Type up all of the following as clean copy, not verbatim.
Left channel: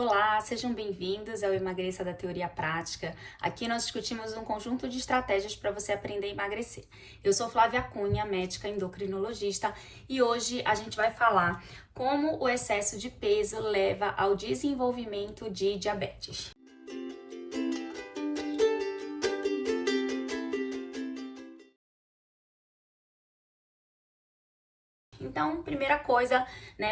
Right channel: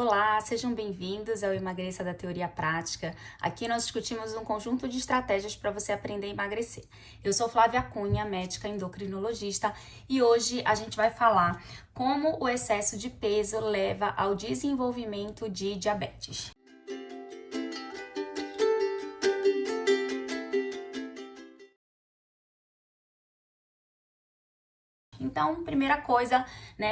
Olá, sejam bem-vindos ao Emagreça da Teoria à Prática. Aqui nós discutimos um conjunto de estratégias para você aprender a emagrecer. Eu sou Flávia Cunha, médica endocrinologista, e hoje a gente vai falar como o excesso de peso leva ao desenvolvimento de diabetes. Então, primeira coisa,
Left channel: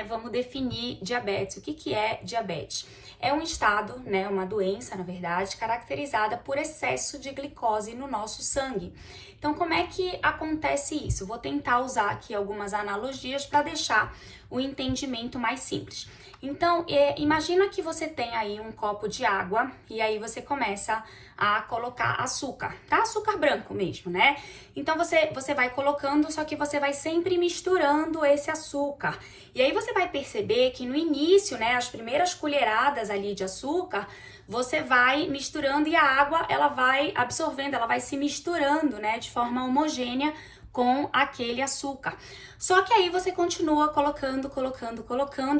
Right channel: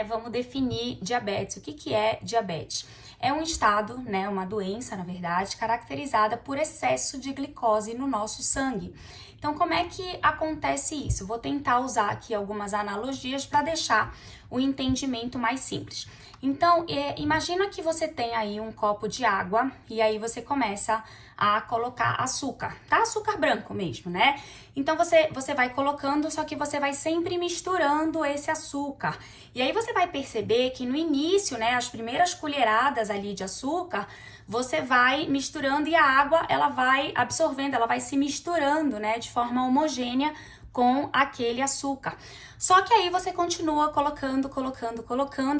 vamos definir diabetes. O que é diabetes? É um estado, uma doença, na verdade, caracterizada por excesso de glicose no nosso sangue. Então, como é que acontece isso? Vou tentar usar aqui algumas analogias para deixar o entendimento mais simples. Então, imagina que você tem aí um copo de água e aí você começa a colocar açúcar, tá? Açúcar branco mesmo, né? Então, você vai colocando, só que você vai sempre misturando esse açúcar. E aí você vai perceber que no início, as primeiras colheradas ali de açúcar, você vai misturando e a água, ela vai absorvendo, ela vai se misturando, de forma homogênea com aquele açúcar. Só que aí você continua colocando,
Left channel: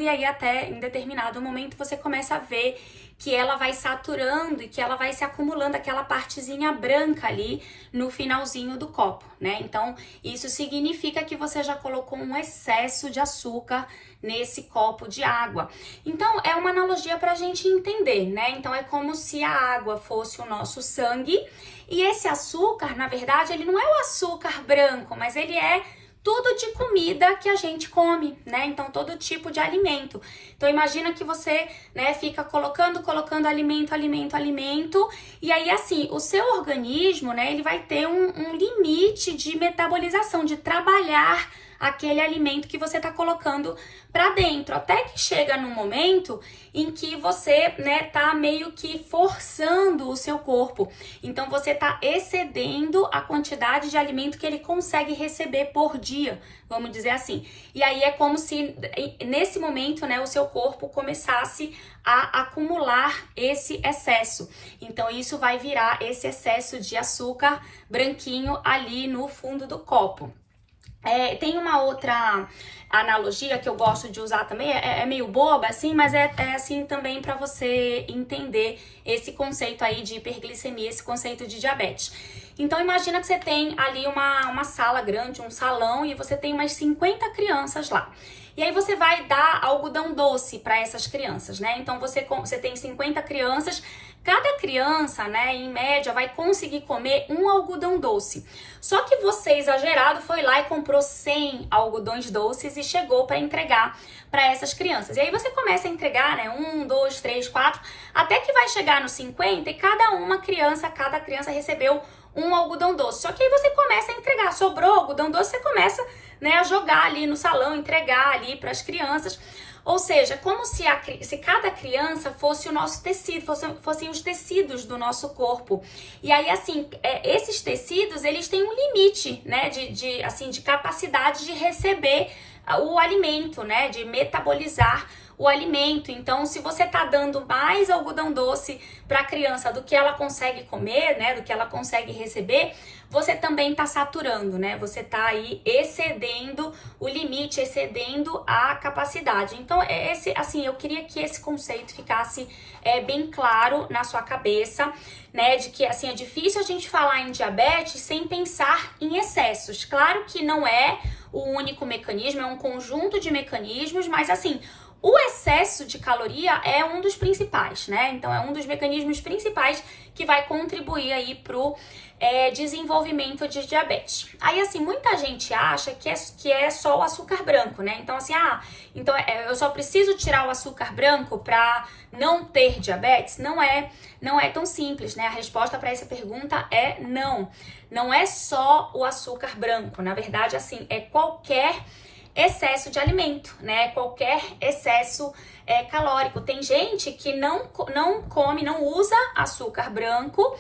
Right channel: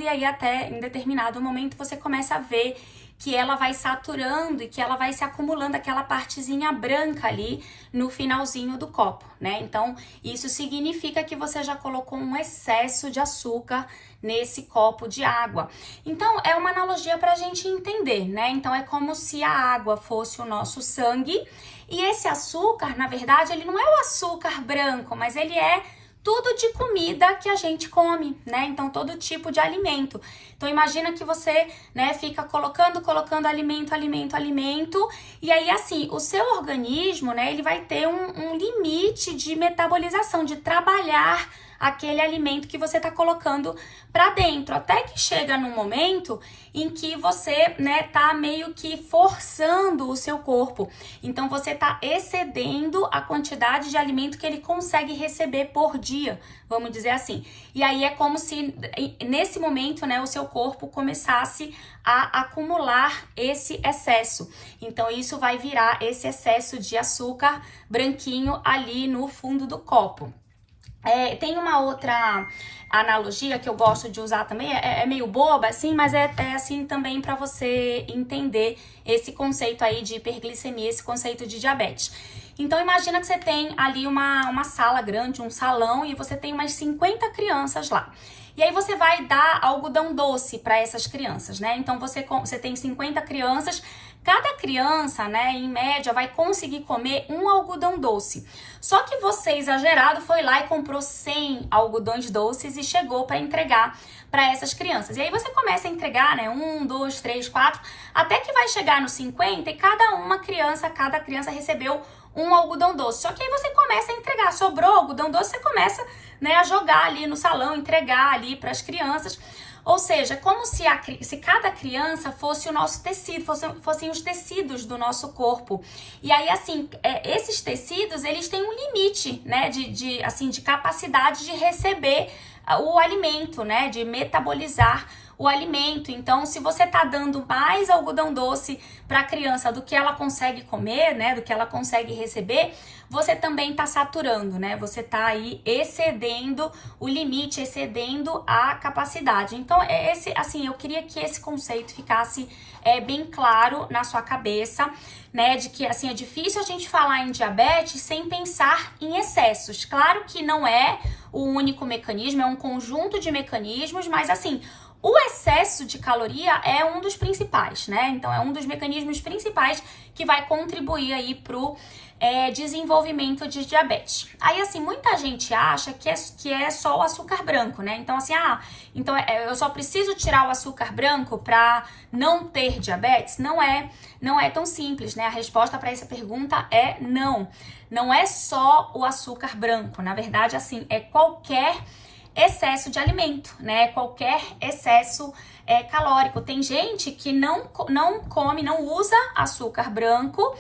e aí até em determinado momento você começa a ver que ela vai saturando e que ela vai se acumulando aquela partezinha branca ali no finalzinho do copo, né? Então, isso significa que você já colocou um excesso de açúcar nesse copo de água. Então, é uma analogia para a gente entender, né? Então, é como se a água fosse o nosso sangue e esse açúcar, na verdade, ele não é o açúcar branco, mas ele é tudo de comida que a gente come, né? Então, todo tipo de alimento. Então, imagina que você, fica colocando alimento, e aí, assim, o seu organismo, ele vai ter um limite de metabolização, de trabalhar aquele alimento que você tá colocando para dentro, até que chega num momento em que você, tá meio que forçando o seu corpo. Então, você tá excedendo a quantidade de alimento que ele consegue receber por dia, vamos dizer assim. E aí é como se, nesse momento, o seu corpo começasse a acumular esse excesso. Então, isso vai virar esse excesso de açúcar branquinho ali no fundo do copo. Tem uma outra analogia que eu gosto de usar também, é meio boba assim, mas é assim também para você entender esse conceito aí de hiperglicemia, esse conceito de diabetes. Então imagina que você tem ali uma sala grande, um salão, e você tem umas 50 crianças lá. E aí você vai dar algodão doce para essas crianças, né? Então você tem 50 crianças, cada criança, em média, vai conseguir comer um algodão doce. Só que você, exagerado, foi lá e comprou 100 algodões doces e chegou para entregar para essas crianças. E aí você começa a entregar, 1, 2, 3, 4, até que vai chegar no 50 e cada criança recebeu um algodão doce. Só que aí você começa a entregar, sobrou algodão doce, você começa, a jogar ali no salão, entregar ali para as crianças. Ou seja, como se cada criança fosse o nosso tecido, fossem os tecidos do nosso corpo. E aí, assim, esses tecidos, eles têm um limite, de capacidade de receber o alimento, de metabolizar o alimento. Então, se você tá dando mais algodão doce para a criança do que ela consegue comer, do que ela consegue receber, você também tá saturando, Você tá aí excedendo o limite, excedendo a capacidade. Então, eu queria que esse conceito ficasse bem claro na sua cabeça, de que, assim, é difícil a gente falar em diabetes sem pensar em excessos. Claro que não é o único mecanismo, é um conjunto de mecanismos, mas, assim, o excesso de caloria é um dos principais, Então, é um dos mecanismos principais que vai contribuir aí pro desenvolvimento de diabetes. Aí, assim, muita gente acha que é só o açúcar branco, Então, assim, eu só preciso tirar o açúcar branco para não ter diabetes? Não é tão simples, A resposta para essa pergunta é não. Não é só o açúcar branco. Na verdade, assim, é qualquer excesso de alimento, Qualquer excesso calórico. Tem gente que não come, não usa açúcar branco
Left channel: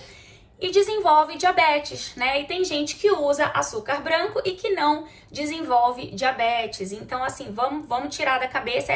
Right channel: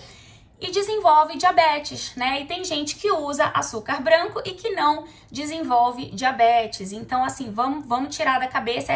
e desenvolve diabetes, E tem gente que usa açúcar branco e que não desenvolve diabetes. Então, assim, vamos tirar da cabeça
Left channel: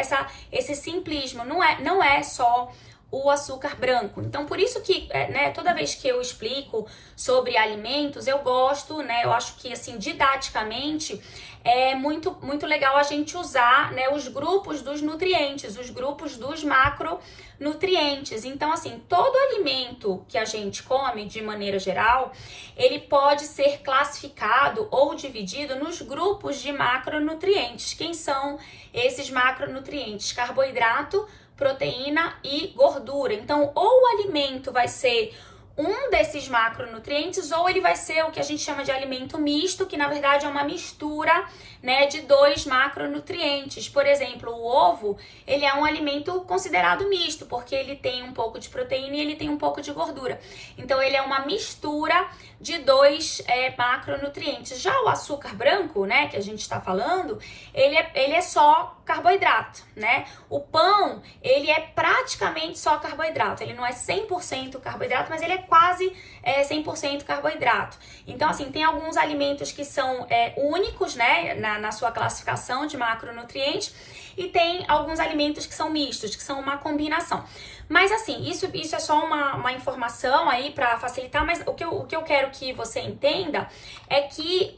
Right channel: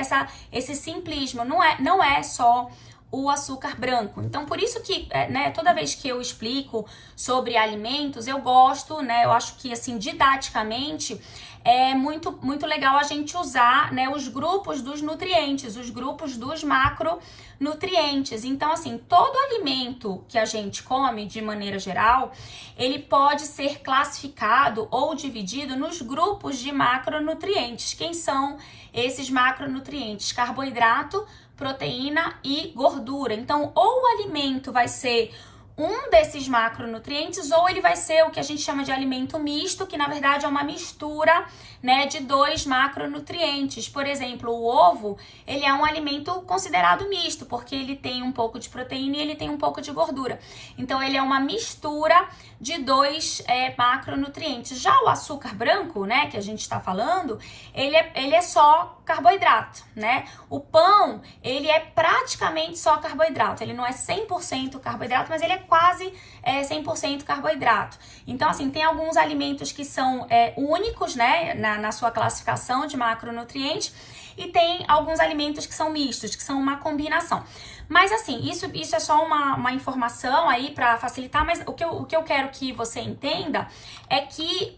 esse simplismo. Não é só o açúcar branco. Então, por isso que, né, toda vez que eu explico sobre alimentos, eu gosto, né, eu acho que, assim, didaticamente, é muito legal a gente usar, né, os grupos dos nutrientes, os grupos dos macronutrientes. Então, assim, todo alimento que a gente come, de maneira geral, ele pode ser classificado ou dividido nos grupos de macronutrientes. Quem são esses macronutrientes? Carboidrato, proteína e gordura. Então, ou o alimento vai ser um desses macronutrientes, ou ele vai ser o que a gente chama de alimento misto, que na verdade é uma mistura, né, de 2 macronutrientes. Por exemplo, o ovo, ele é um alimento considerado misto, porque ele tem um pouco de proteína e ele tem um pouco de gordura. Então, ele é uma mistura de 2 macronutrientes. Já o açúcar branco, né, que a gente está falando, ele é só carboidrato, né? O pão, ele é praticamente só carboidrato. Ele não é 100% carboidrato, mas ele é quase 100% carboidrato. Então, assim, tem alguns alimentos que são únicos, né, na sua classificação de macronutrientes, e tem alguns alimentos que são mistos, que são uma combinação. Mas, assim, isso é só uma informação aí para facilitar, mas o que eu quero que você entenda é que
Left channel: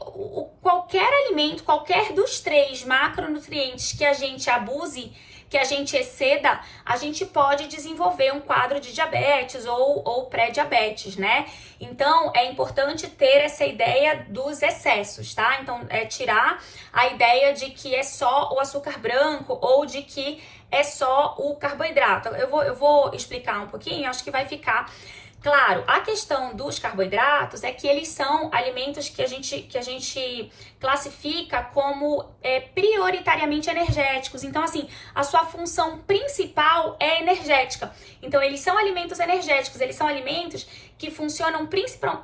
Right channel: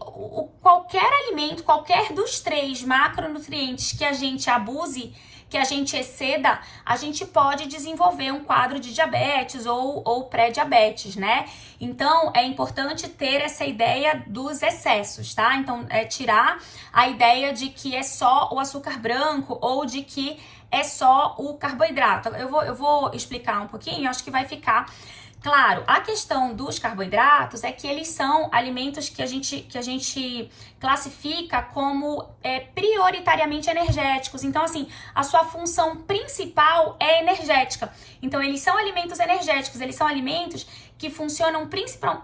qualquer alimento, qualquer dos 3 macronutrientes que a gente abuse, que a gente exceda, a gente pode desenvolver um quadro de diabetes ou pré-diabetes, né? Então, é importante ter essa ideia dos excessos, tá? Então, tirar a ideia de que é só o açúcar branco ou de que é só o carboidrato. Eu vou explicar um pouquinho, acho que vai ficar claro. A questão dos carboidratos é que eles são alimentos que a gente classifica como prioritariamente energéticos. Então, assim, a sua função principal é energética. Então, eles são alimentos energéticos, eles são alimentos que funcionam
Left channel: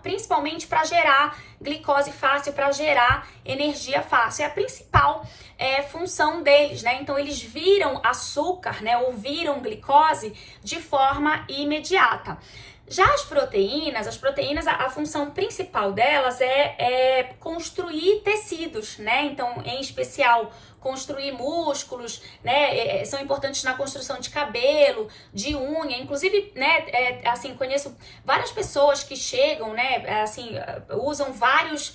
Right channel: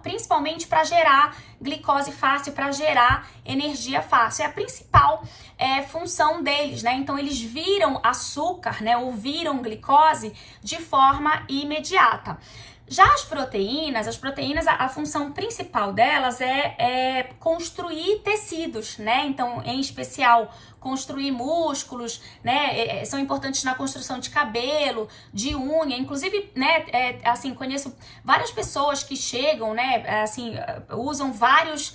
principalmente para gerar glicose fácil, para gerar energia fácil. É a principal função deles, né? Então, eles viram açúcar, né, ou viram glicose de forma imediata. Já as proteínas, a função principal delas é construir tecidos, né? Então, em especial, construir músculos, né? São importantes na construção de cabelo, de unha. Inclusive, né? Assim, conheço várias pessoas que chegam, né? Assim, usam várias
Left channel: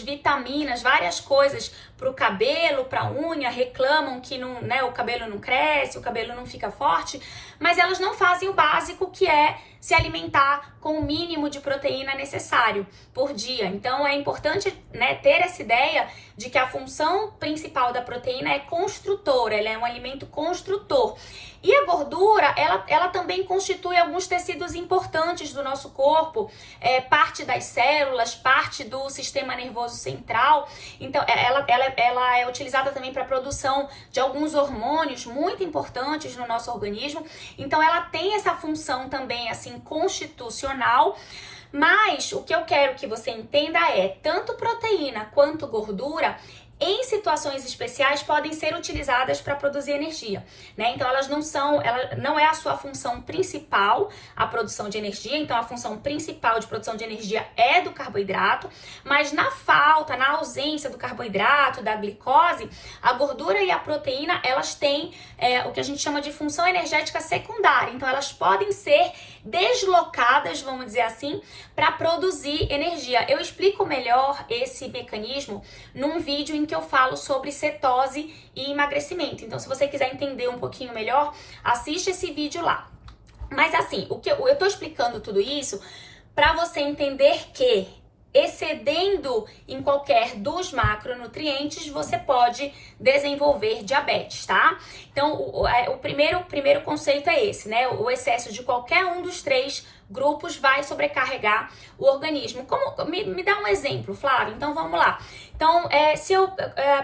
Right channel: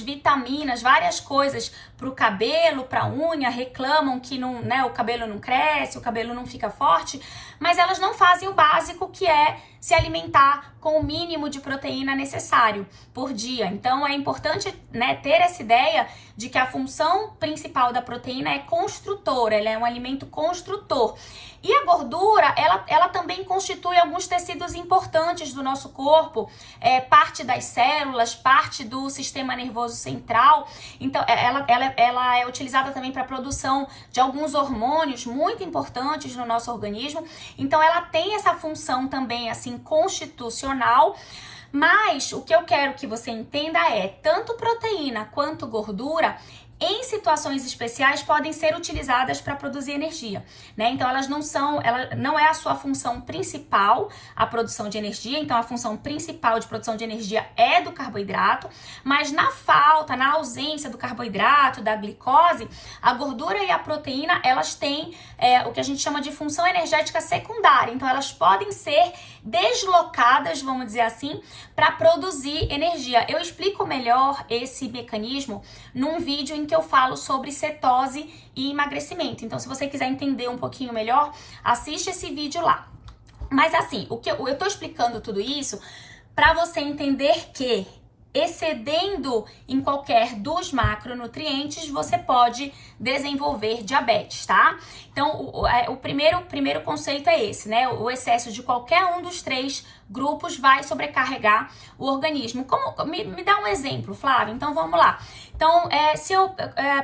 vitaminas, várias coisas para o cabelo, para a unha, reclamam que não, né? O cabelo não cresce, o cabelo não fica forte, mas elas não fazem o básico, que é se alimentar com o mínimo de proteína necessário por dia. Então, é importante, né, ter essa ideia de que a função principal da proteína é construtora, ela é um alimento construtor. E a gordura, ela também constitui alguns tecidos importantes do nosso corpo, parte das células, parte do sistema nervoso central. Então, ela é utilizada também para a produção de alguns hormônios muito importantes no nosso organismo. Então, ela tem essa função também, assim, constitucional. Mas o que eu quero que você entenda é, tanto proteína quanto gordura, em situações especiais, podem ser utilizadas para produzir energia, né? Então, ela não é a sua função principal, a produção de energia. Então, a função principal de produção de energia é do carboidrato, mas na ausência do carboidrato, da glicose, a gordura e a proteína, elas têm o que a gente chama de função energética secundária. Então, elas podem ser deslocadas, vamos dizer assim, para produzir energia. Eu explico melhor esse mecanismo num vídeo em que eu falo sobre cetose e emagrecimento. Então, se você quiser entender um pouquinho melhor, assiste esse vídeo lá. Mas assim, eu tô explicando tudo isso para você entender que, excedendo em qualquer dos macronutrientes, você pode desenvolver diabetes, tá? Então, o primeiro conceito é esse, né? O excesso de qualquer um dos 3 grupos vai sobrecarregar o organismo. Me dá um exemplo, Flávia. Então, vamos lá. Então,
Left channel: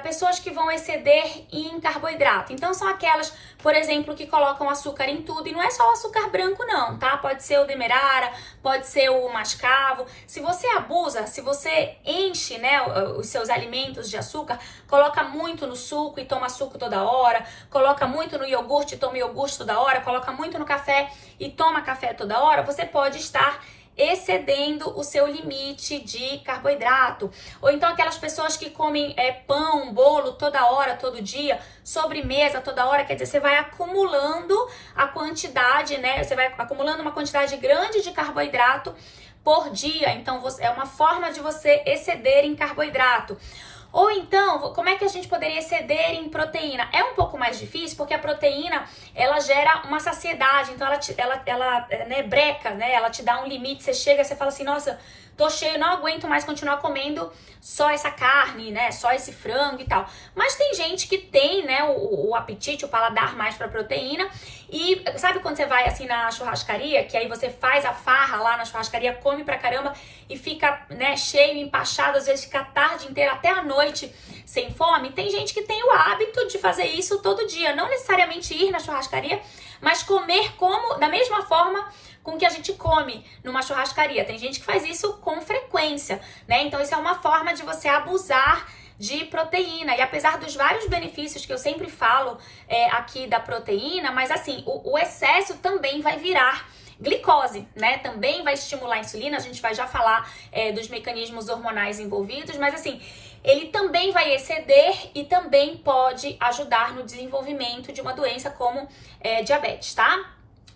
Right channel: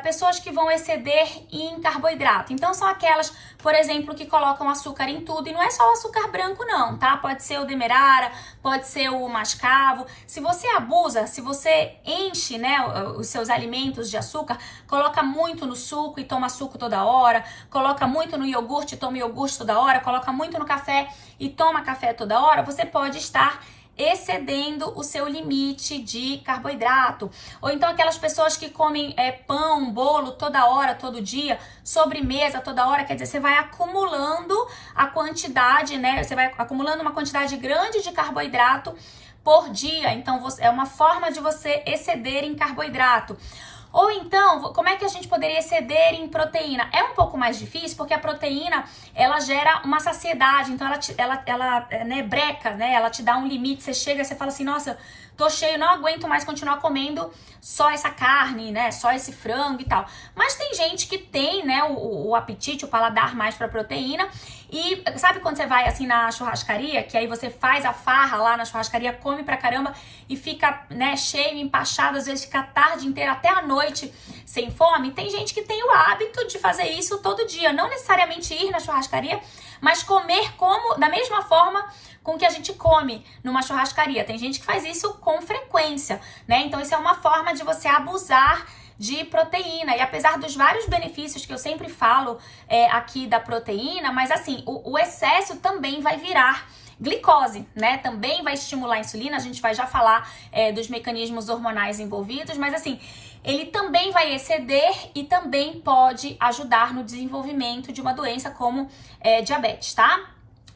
pessoas que vão exceder em carboidrato. Então, são aquelas, por exemplo, que colocam açúcar em tudo. E não é só o açúcar branco, não, tá? Pode ser o demerara, pode ser o mascavo. Se você abusa, se você enche, né, os seus alimentos de açúcar, coloca muito no suco e toma suco toda hora, coloca muito no iogurte e toma iogurte toda hora, coloca muito no café e toma café toda hora, você pode estar excedendo o seu limite de carboidrato. Ou então aquelas pessoas que comem pão, bolo toda hora, todo dia, sobremesa toda hora, quer dizer, você vai acumulando a quantidade, né? Você vai acumulando uma quantidade grande de carboidrato por dia. Então é uma forma de você exceder em carboidrato. Ou então, como é que a gente poderia exceder em proteína? É um pouco mais difícil, porque a proteína, ela gera uma saciedade, então ela breca, né? Ela te dá um limite, você chega, você fala assim, nossa, tô cheio, não aguento mais continuar comendo só essa carne, né? Só esse frango e tal. Mas tem gente que tem, né, o apetite, o paladar mais pra proteína. E sabe quando você vai assim na churrascaria, que aí você faz a farra lá na churrascaria, come pra caramba e fica, né, cheio, empachado, às vezes fica a tarde inteira, até a noite sem fome? Tem gente que tem o hábito de fazer isso todo dia, não necessariamente ir na churrascaria, mas comer como da mesma forma com que a gente come numa churrascaria. Tem gente que faz isso com frequência, né? Então isso é uma forma de você abusar de proteína. E apesar dos vários benefícios que eu sempre falo aqui da proteína, mas assim, o excesso também vai virar glicose, né? Também vai estimular a insulina, a gente vai já falar dos mecanismos hormonais envolvidos, mas assim, ele também vai exceder e também pode ajudar no desenvolvimento de uma doença como diabetes, tá?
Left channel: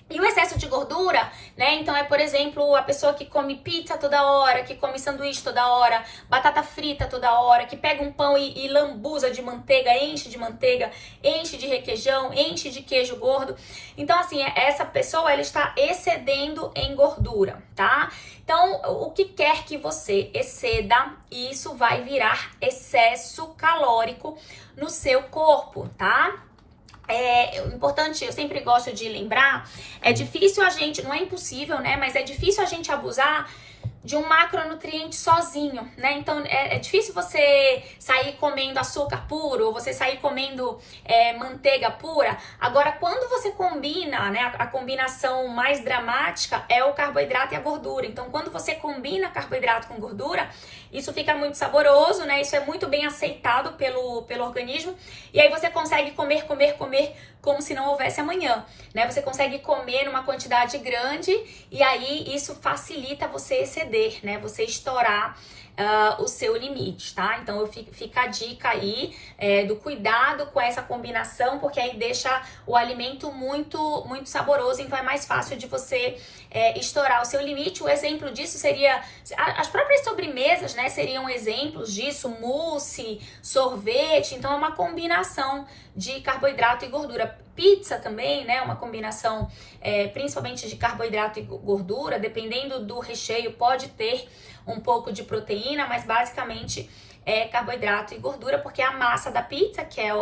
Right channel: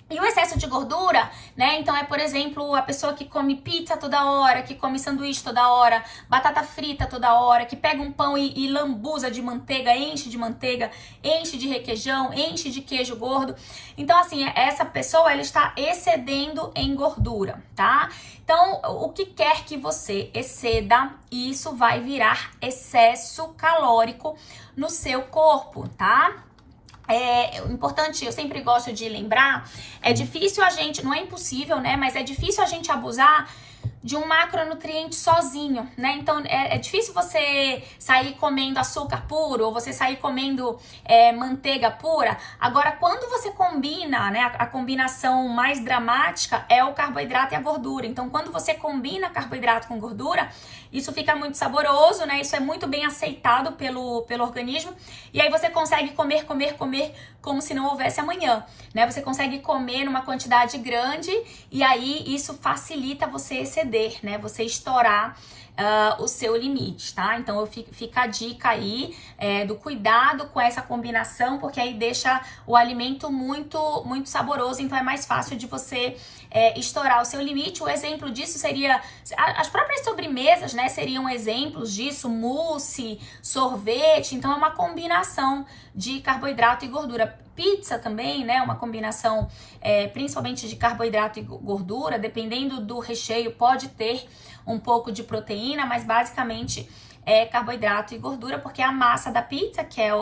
E o excesso de gordura, né? Então por exemplo, a pessoa que come pizza toda hora, que come sanduíche toda hora, batata frita toda hora, que pega um pão e lambuza de manteiga, enche de requeijão, enche de queijo gordo. Então assim, essa pessoa, ela está excedendo em gordura, tá? Então, o que quer que você exceda, isso vai virar excesso calórico no seu corpo, tá? Importante, eu sempre gosto de lembrar, é difícil a gente, não é impossível, né, mas é difícil a gente abusar de um macronutriente sozinho, né? Então é difícil você sair comendo açúcar puro ou você sair comendo manteiga pura. Agora, quando você combina, né? A combinação mais dramática é o carboidrato e a gordura. Então, quando você combina carboidrato com gordura, isso fica muito saboroso, né? Isso é muito bem aceitado pelo organismo. E aí você consegue comer como se não houvesse amanhã, né? Você consegue comer numa quantidade grande e aí isso facilita você exceder, né? Você estourar o seu limite, tá? Então fica a dica aí do cuidado com essa combinação, porque aí deixa o alimento muito, muito saboroso, então é mais fácil de você estourar o seu limite. O exemplo disso seria as próprias sobremesas, né? Seriam exemplos disso, mousse, sorvete, então é uma combinação de carboidrato e gordura. Pizza também, né? Uma combinação principalmente de carboidrato e gordura, dependendo do recheio, pode ter um pouco de proteína, mas basicamente é carboidrato e gordura, porque é a massa da pizza, que é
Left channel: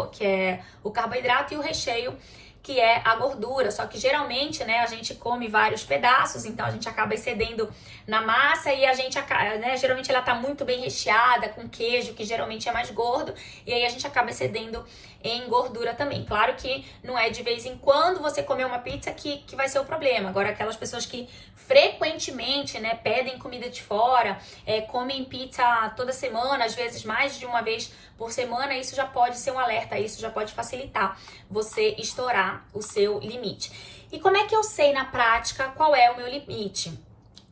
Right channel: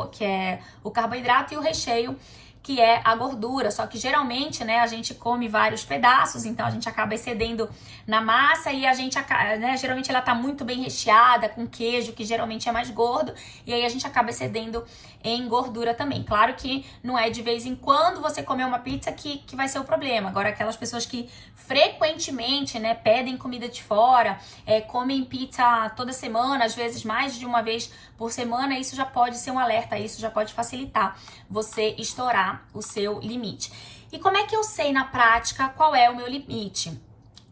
o carboidrato, e o recheio, que é a gordura. Só que geralmente, né, a gente come vários pedaços, então a gente acaba excedendo na massa e a gente, né, geralmente ela tá muito bem recheada com queijo, que geralmente é mais gordo, e aí a gente acaba excedendo em gordura também. Claro que não é de vez em quando você comer uma pizza que vai ser o problema. Agora, aquelas pessoas que frequentemente, né, pedem comida de fora, comem pizza toda semana, às vezes mais de uma vez por semana, isso já pode ser um alerta, isso já pode facilitar você estourar o seu limite. E como é que eu sei na prática qual é o meu limite?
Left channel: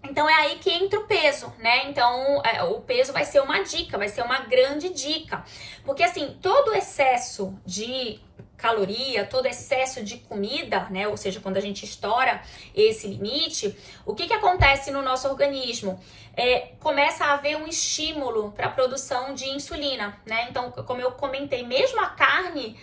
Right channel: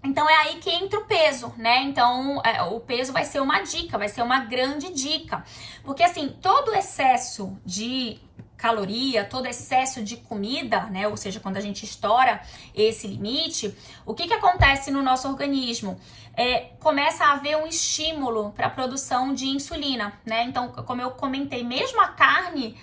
Então é aí que entra o peso, né? Então o peso vai ser uma dica, vai ser uma grande dica. Porque assim, todo excesso de caloria, todo excesso de comida, né? Ou seja, quando a gente estoura esse limite, o que acontece no nosso organismo? Começa a haver um estímulo para a produção de insulina, né? Então, como eu comentei, mesmo a carne,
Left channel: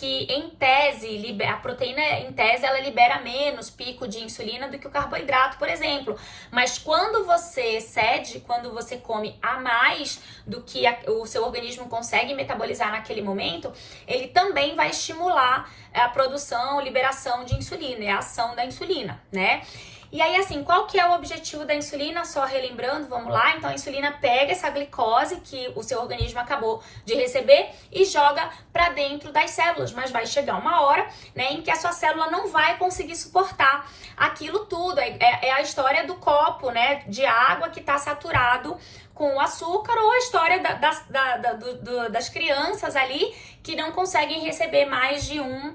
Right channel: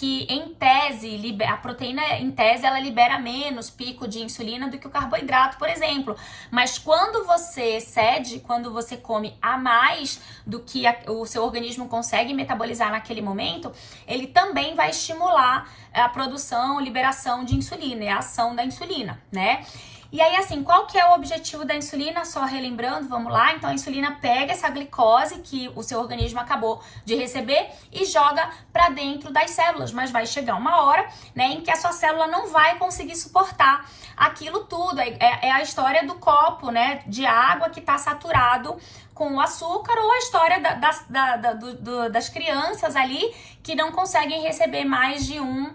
que em tese, a proteína em tese, ela libera menos pico de insulina do que o carboidrato, por exemplo. Mas quando você excede, quando você come a mais do que o seu organismo consegue metabolizar naquele momento, ele também vai estimular a produção, liberação de insulina e a ação da insulina, né? E aí, assim, qual que é o objetivo da insulina? Só relembrando, vamos lá. Então, a insulina pega essa glicose que o seu organismo acabou de receber e joga para dentro das células. Mas vai chegar uma hora, né, em que a sua célula não vai conseguir suportar aquilo tudo. É a história do copo, né, de água que está saturado com o açúcar, ou a história das crianças ali que não conseguem receber mais de um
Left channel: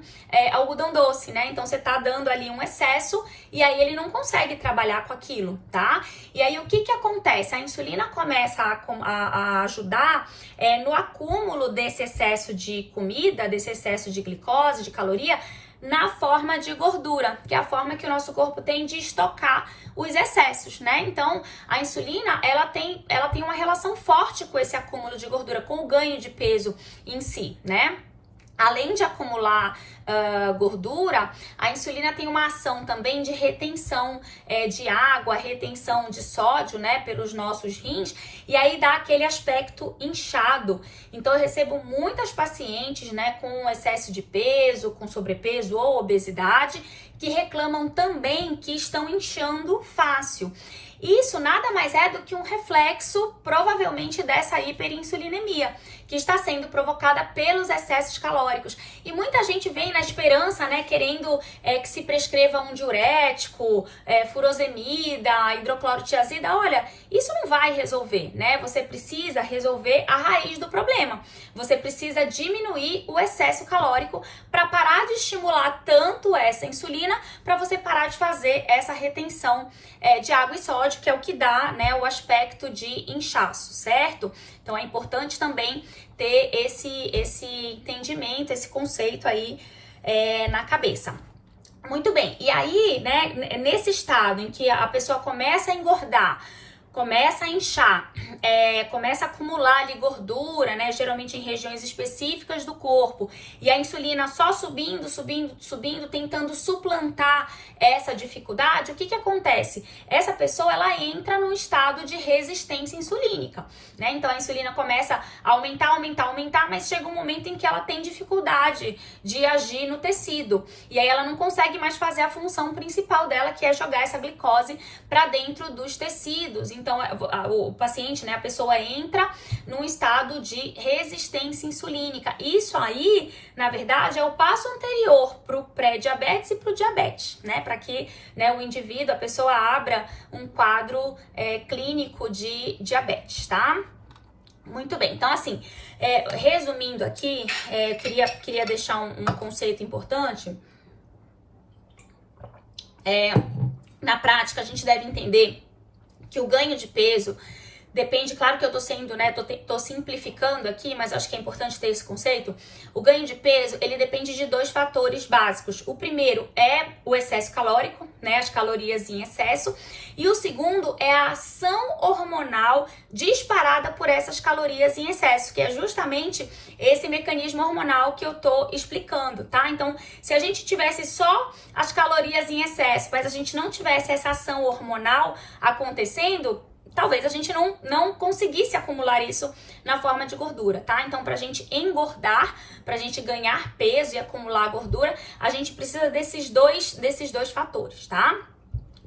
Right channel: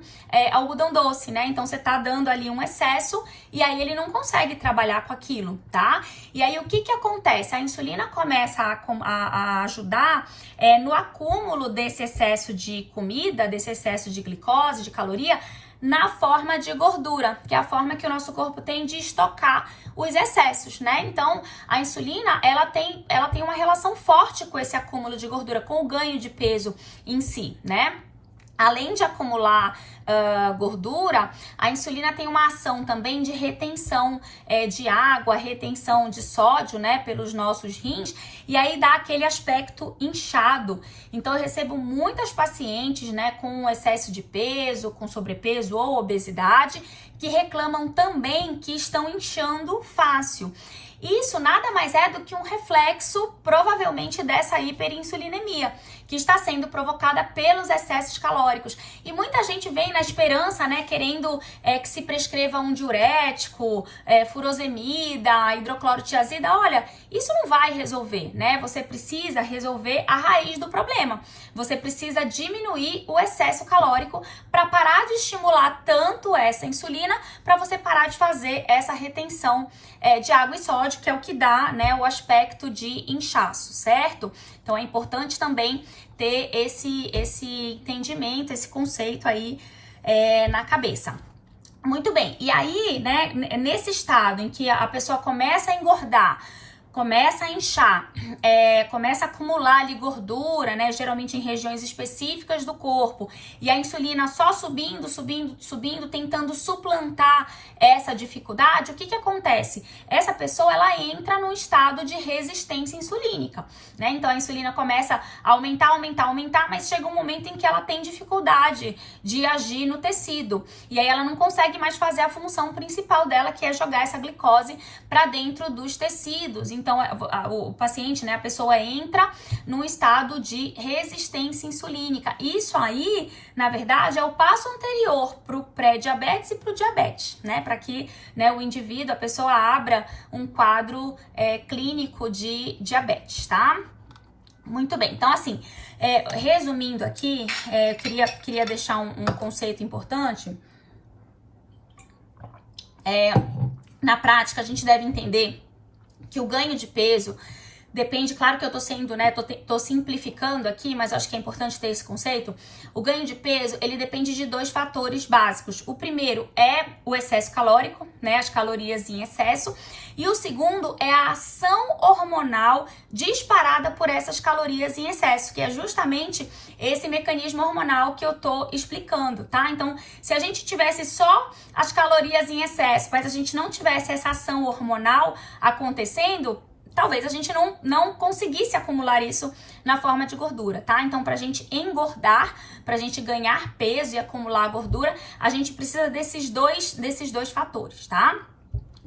algodão doce, né? Então você tá dando ali um excesso e aí ele não consegue trabalhar com aquilo, tá? E aí o que que acontece? A insulina começa a ajudar no acúmulo desse excesso de comida, desse excesso de glicose, de caloria, na forma de gordura, que é a forma que o nosso corpo tem de estocar os excessos, né? Então, a insulina, ela tem uma relação forte com esse acúmulo de gordura, com o ganho de peso em si, né? Além de acumular gordura, a insulina tem uma ação também de retenção de água, retenção de sódio, né, pelos nossos rins, e aí dá aquele aspecto inchado. Então eu recebo muitas pacientes, né, com excesso de peso, com sobrepeso ou obesidade, que reclamam também que estão inchando fácil. Isso nada mais é do que um reflexo, provavelmente, dessa hiperinsulinemia, que está sendo provocada pelos excessos calóricos. E muita gente vem na esperança, né, querendo que se prescreva um diurético, furosemida, hidroclorotiazida. Olha, isso não vai resolver, né? Você precisa resolver a raiz do problema. Você precisa diminuir o excesso calórico para parar de estimular tanto essa insulina, para você parar de fazer essa retenção de água e sódio, que é o que dá, né, o aspecto de inchaço, certo? Então é importante também ter esse entendimento, esse conceito aí na cabeça. Muito bem, e aí, né, nesse estado em que a pessoa começa a engordar, começa a inchar, começa a acumular ali gordura, né, geralmente em regiões específicas do corpo, e a insulina só subindo, tentando suplantar essa dificuldade, o que que acontece? Essa pessoa, ela entra num estado de resistência insulínica, né? Então a insulina começa a aumentar, mas chega um momento em que ela tem dificuldade de agir no tecido, e aí ela não consegue mais fazer a função principal dela, que é jogar essa glicose para dentro dos tecidos. Então, o paciente, né, a pessoa entra num estado de resistência insulínica. Isso aí, na verdade, é o passo anterior para o pré-diabetes e para o diabetes, né? Para que, né, o indivíduo, a pessoa abra um quadro clínico de diabetes, tá? Muito bem, então assim, resumindo aqui, queria deixar um conceito importante. Na prática, a gente deve entender que o ganho de peso depende, claro que eu tô sendo, né, tô simplificando aqui, mas acho que é importante ter esse conceito. O ganho de peso, ele depende de dois fatores básicos. O primeiro é o excesso calórico, né, as calorias em excesso, e o segundo é a ação hormonal disparada por essas calorias em excesso, que é justamente esse mecanismo hormonal que eu tô explicando, tá? Então, se a gente tivesse só as calorias em excesso, mas a gente não tivesse essa ação hormonal acontecendo, talvez a gente não conseguisse acumular isso na forma de gordura, tá? Então, pra gente engordar, pra gente ganhar peso e acumular gordura, a gente precisa desses dois fatores, tá?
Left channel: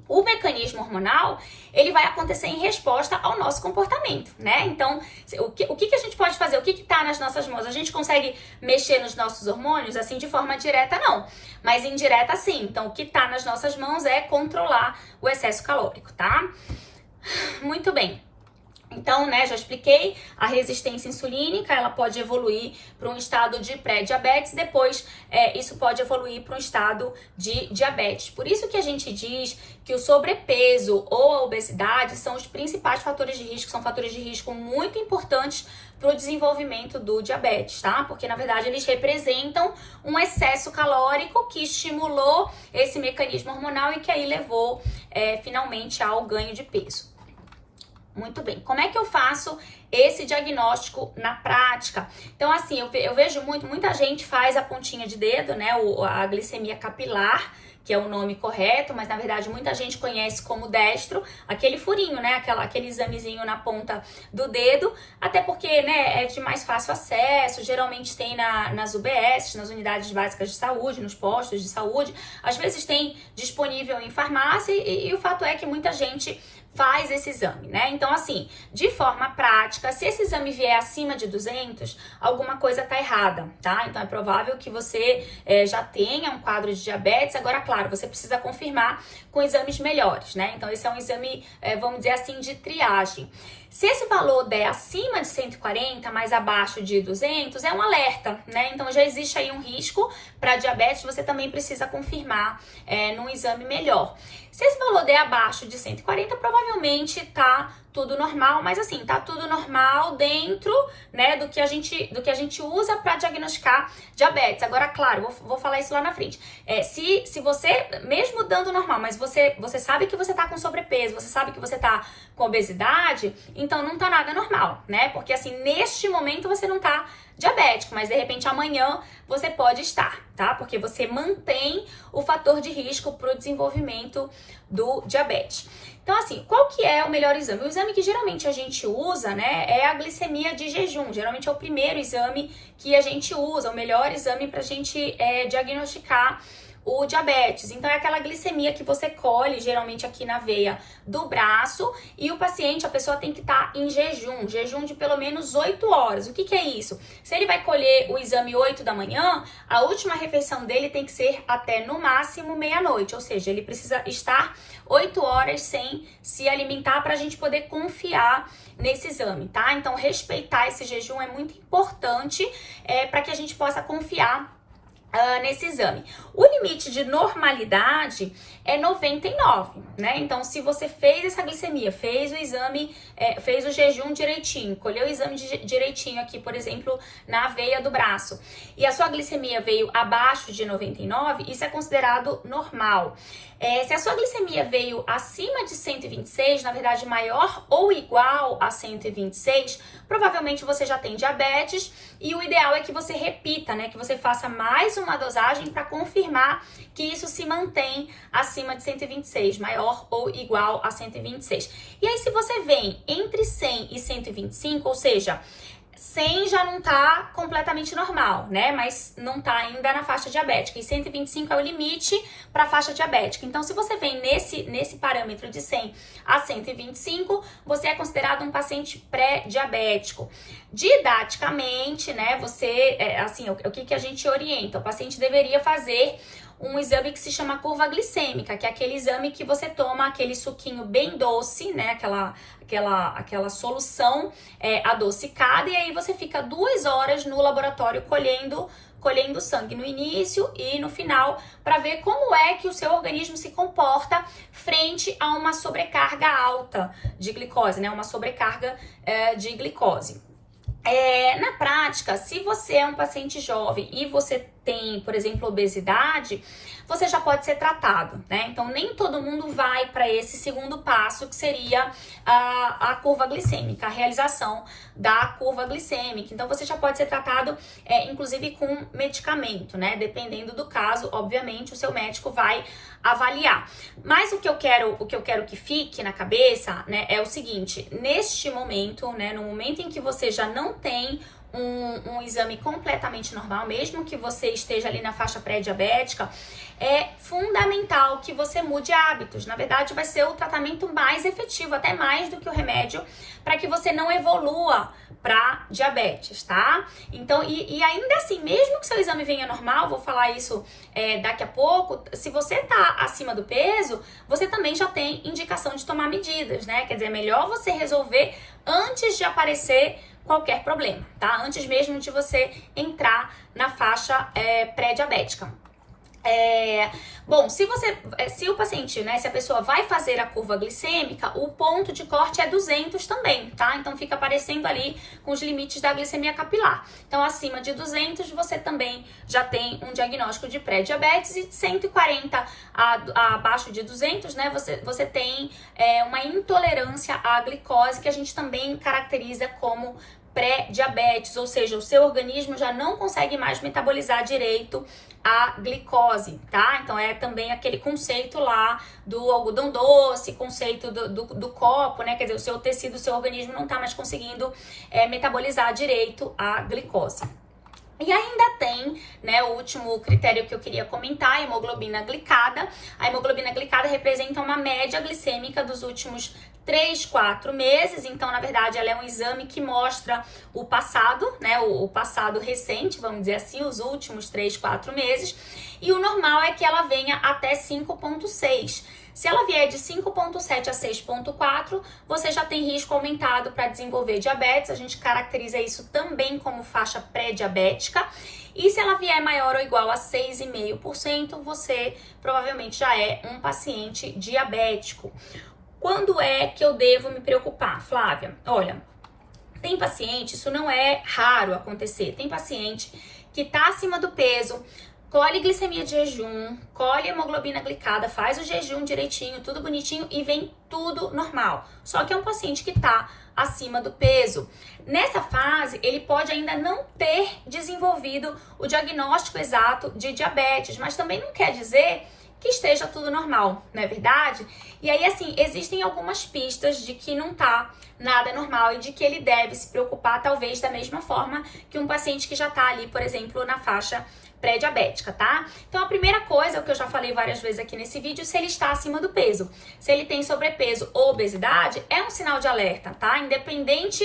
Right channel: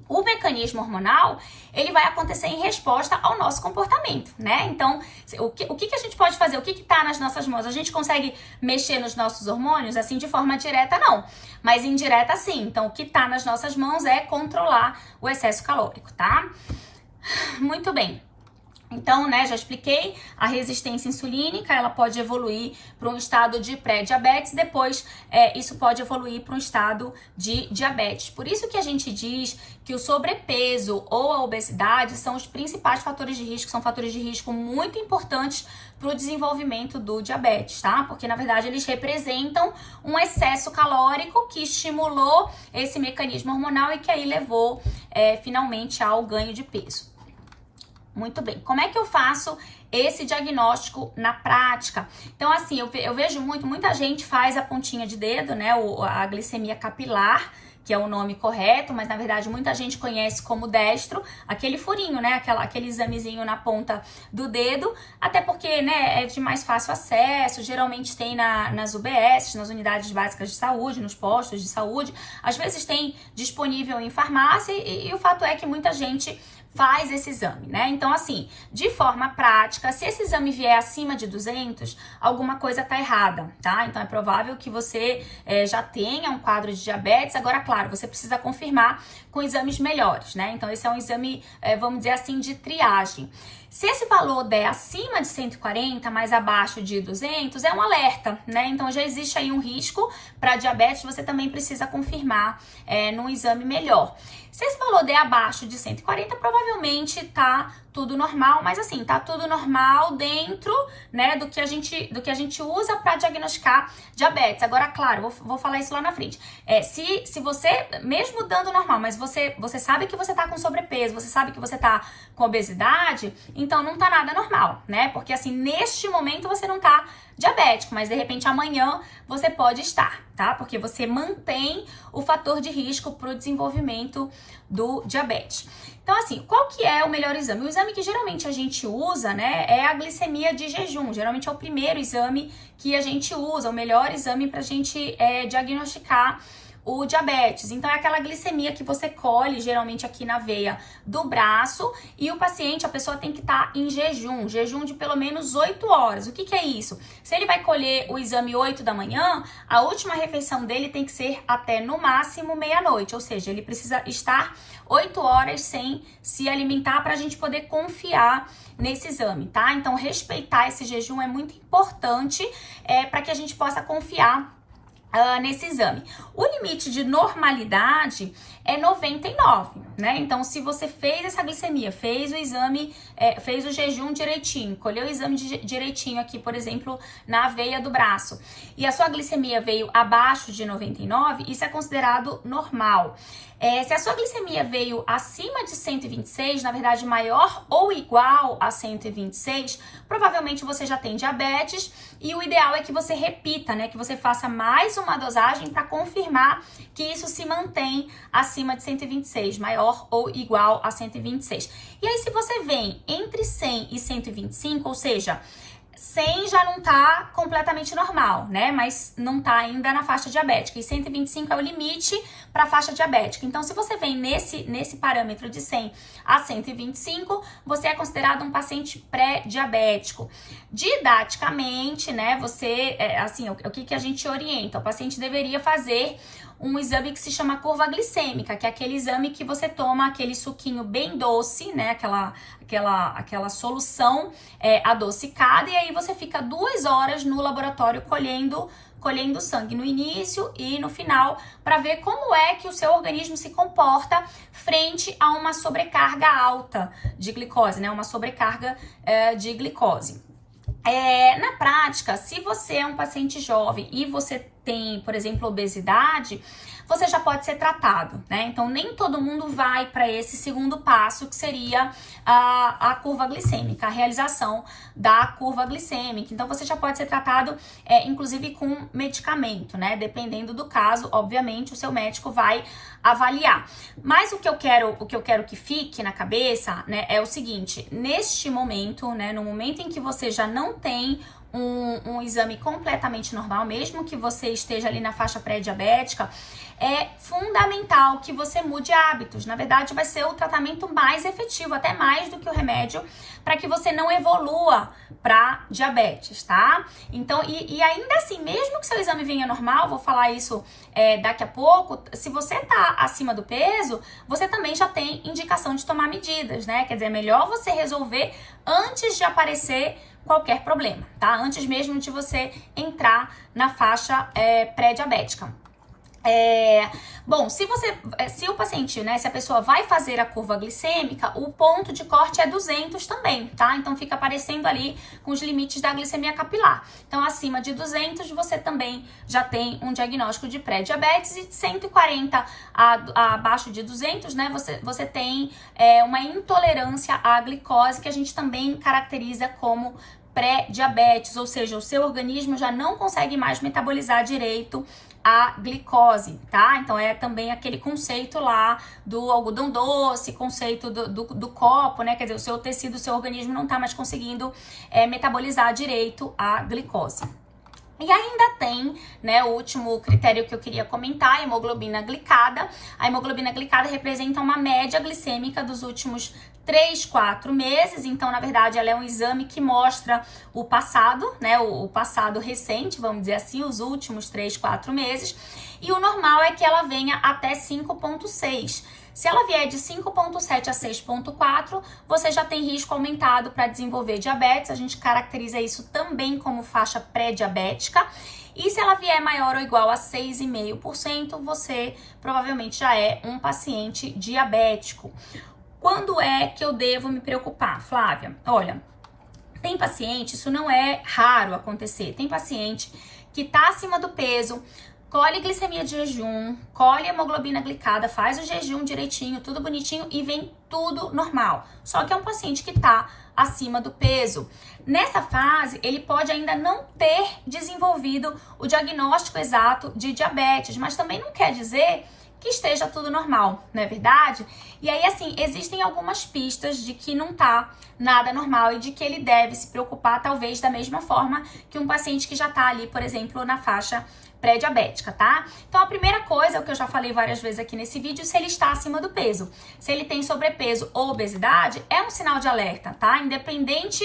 O mecanismo hormonal, ele vai acontecer em resposta ao nosso comportamento, né? Então, o que a gente pode fazer? O que tá nas nossas mãos? A gente consegue mexer nos nossos hormônios? Assim, de forma direta, não. Mas indireta, sim. Então, o que tá nas nossas mãos é controlar o excesso calórico, tá? Muito bem. Então, né, já expliquei, a resistência insulínica, ela pode evoluir para um estado de pré-diabetes, depois isso pode evoluir para um estado de diabetes. Por isso que a gente diz que o sobrepeso ou a obesidade são os principais fatores de risco, são fatores de risco muito importantes para o desenvolvimento do diabetes, tá? Porque, na verdade, eles representam um excesso calórico que estimulou esse mecanismo hormonal e que aí levou, finalmente, ao ganho de peso. Muito bem, como é que eu faço esse diagnóstico na prática? Então, assim, eu vejo muita gente faz a pontinha de dedo, né, a glicemia capilar, que é o nome correto, mas na verdade muita gente conhece como destro, aquele furinho, né, aquele examezinho na ponta do dedo, até porque, né, é de mais fácil acesso, geralmente tem nas UBS, nas unidades básicas de saúde, nos postos de saúde, às vezes tem disponível em farmácia e o fato é que muita gente faz esse exame, né? Então, assim, de forma prática, se esse exame vier acima de 200, alguma coisa tá errada, tá? Então, é provável que você já tenha um quadro de diabetes. Agora, claro, você precisa confirmar com exames melhores, né? Então, esse é um exame, vamos dizer assim, de triagem. Se esse valor der acima de 140, mais abaixo de 200, é um alerta, né? Então, já existe aí um risco para diabetes, você também precisa confirmar num exame melhor. Se esse valor der abaixo de 140, provavelmente tá tudo normal, mas assim, tá tudo normal dentro, né, do que a gente usa para diagnosticar diabetes. Agora, claro, vou falar isso lá na frente. Se você, mesmo dando normal, mas você sabe que você tá com sobrepeso, você sabe que você tá com obesidade, então não tá nada normal, né? Porque assim, neste momento você não tá diabético, mas de repente amanhã você pode estar, tá? Porque você mantém o fator de risco para o desenvolvimento do diabetes. Então, assim, qual que é o melhor exame? O exame que geralmente a gente usa, né, é a glicemia de jejum. Geralmente é o primeiro exame que a gente usa, o melhor exame para a gente diagnosticar o diabetes. Então, é aquela glicemia que você colhe, geralmente aqui na veia do braço, e o paciente, a pessoa tem que estar em jejum de pelo menos 8 horas. O que que é isso? Se ele vai colher o exame 8 da manhã, a última refeição dele tem que ser até no máximo meia-noite, ou seja, ele precisa estar 8 horas sem se alimentar para a gente poder confiar nesse exame, tá? Então, respeitar esse jejum é muito importante para que a gente possa confiar nesse exame. O limite de normalidade é 99, né? Então, se você fez essa glicemia, fez o exame, fez o jejum direitinho, colheu o exame direitinho aqui, por exemplo, na veia do braço, e a sua glicemia veio abaixo de 99, isso é considerado normal. Se a sua glicemia veio acima de 126, na verdade maior ou igual a 126, provavelmente você já tem diabetes, e o ideal é que você repita, né? Que você faça mais uma dosagem para confirmar que isso se mantém acima de 126, maior ou igual a 126. E aí, se você vem entre 100 e 125, ou seja, 100 já não tá completamente normal, né? Mas não tá ainda na faixa diabética. E 125 é o limite para a faixa diabética. Então, se você vem nesse parâmetro de 100 a 125, você é considerado um paciente pré-diabético. Didaticamente, né? Você, assim, o que a gente orienta? O paciente deveria fazer um exame que se chama curva glicêmica, que é aquele exame que você toma aquele suquinho bem doce, né? Aquela solução adocicada, e aí você fica 2 horas no laboratório colhendo sangue no início e no final, para ver como é que o seu organismo se comporta frente a uma sobrecarga alta de glicose, né? Uma sobrecarga de glicose. Na prática, se você é um paciente jovem e você tem, por exemplo, obesidade, você já pode ser tratado, né? Então, nem todo mundo vai para esse segundo passo, que seria a curva glicêmica, a realização da curva glicêmica. Então, você já pode ser tratado, inclusive, com medicamento, né? Dependendo do caso, obviamente, o seu médico vai avaliar. Mas o que eu quero que fique na cabeça, né, é o seguinte: neste momento, né, no momento em que você já não tem um exame completamente normal, mesmo que você esteja ali na faixa pré-diabética, é fundamental que você mude hábitos. Na verdade, vai ser o tratamento mais efetivo, até mais do que o remédio, para que você não evolua para diabetes, tá? Então, e ainda assim, mesmo que seu exame venha normal, vou falar isso daqui a pouco, se você tá acima do peso, você também já tem indicação de tomar medidas, né? Quer dizer, é melhor você resolver antes de aparecer qualquer problema, tá? Antes mesmo de você entrar na faixa pré-diabética. Bom, se o paciente, né, se a pessoa vai fazer a curva glicêmica, o ponto de corte é 200 também, tá? Então fica aparecendo ali com os limites da glicemia capilar. Então, acima de 200, você também já tem um diagnóstico de pré-diabetes, e de 140 abaixo de 200, né, você tem uma intolerância à glicose, que a gente também caracteriza como pré-diabetes, ou seja, o seu organismo já não consegue mais metabolizar direito a glicose, tá? Então, é também aquele conceito lá do algodão doce, conceito do copo, né? Quer dizer, o seu tecido, o seu organismo não tá mais conseguindo metabolizar direito a glicose. E ainda tem, né, o último critério que eu queria comentar, a hemoglobina glicada. A hemoglobina glicada representa uma média glicêmica dos últimos 3, 4 meses. Então, na verdade, ela é um exame que mostra o passado, né, o passado recente, vamos dizer assim, os últimos 3, 4 meses. E o normal é que ela venha até 5,6. Se ela vier de 5,7 a 6,4, você já tem risco aumentado para desenvolver diabetes. A gente caracteriza isso também como faixa pré-diabética. E se ela vier maior ou igual a 6,5%, você provavelmente já é um paciente diabético. Quando é que eu devo me preocupar, Flávia? Olha, tem paciente, isso não é raro acontecer, tem paciente que está acima do peso, colhe glicemia de jejum, colhe hemoglobina glicada, faz o jejum direitinho, tudo bonitinho e vem tudo normal. Só que é um paciente que está acima do peso. Nessa fase, ele pode ainda não ter desenvolvido o diagnóstico exato de diabetes, mas também não quer dizer que esteja tudo normal, não é verdade? E aí, assim, existem algumas pistas de que não tá nada normal e de que ele deve se preocupar, talvez, da mesma forma que um paciente que já tá ali, por exemplo, na faixa pré-diabética, tá? Então, a primeira coisa, o que eu já falei várias vezes aqui nesse vídeo, se ele está acima do peso. Se ele tem sobrepeso ou obesidade, é um sinal de alerta, tá? Independente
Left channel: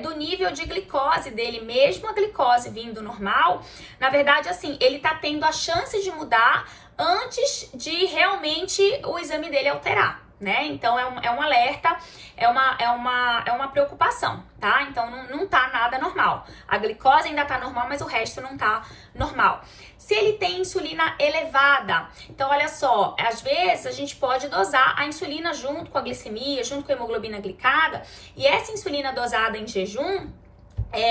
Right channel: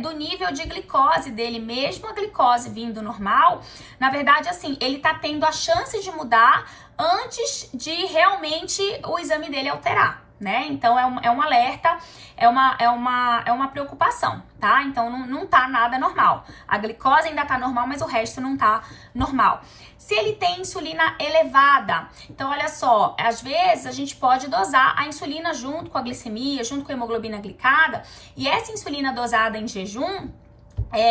do nível de glicose dele, mesmo a glicose vindo normal, na verdade, assim, ele tá tendo a chance de mudar antes de realmente o exame dele alterar, né? Então, é um alerta, é uma preocupação, tá? Então, não tá nada normal. A glicose ainda tá normal, mas o resto não tá normal. Se ele tem insulina elevada, então, olha só, às vezes a gente pode dosar a insulina junto com a glicemia, junto com a hemoglobina glicada, e essa insulina dosada em jejum,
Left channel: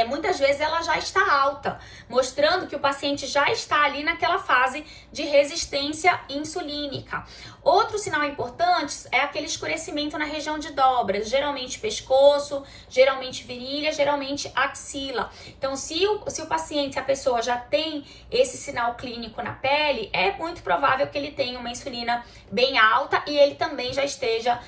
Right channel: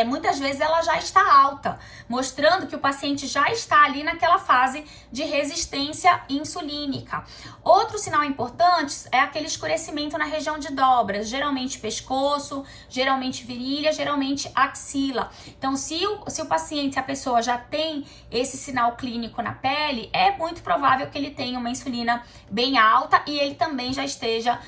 muitas vezes ela já está alta, mostrando que o paciente já está ali naquela fase de resistência insulínica. Outro sinal importante é aquele escurecimento na região de dobras, geralmente pescoço, geralmente virilha, geralmente axila. Então, se o paciente, se a pessoa já tem esse sinal clínico na pele, é muito provável que ele tenha uma insulina bem alta e ele também já esteja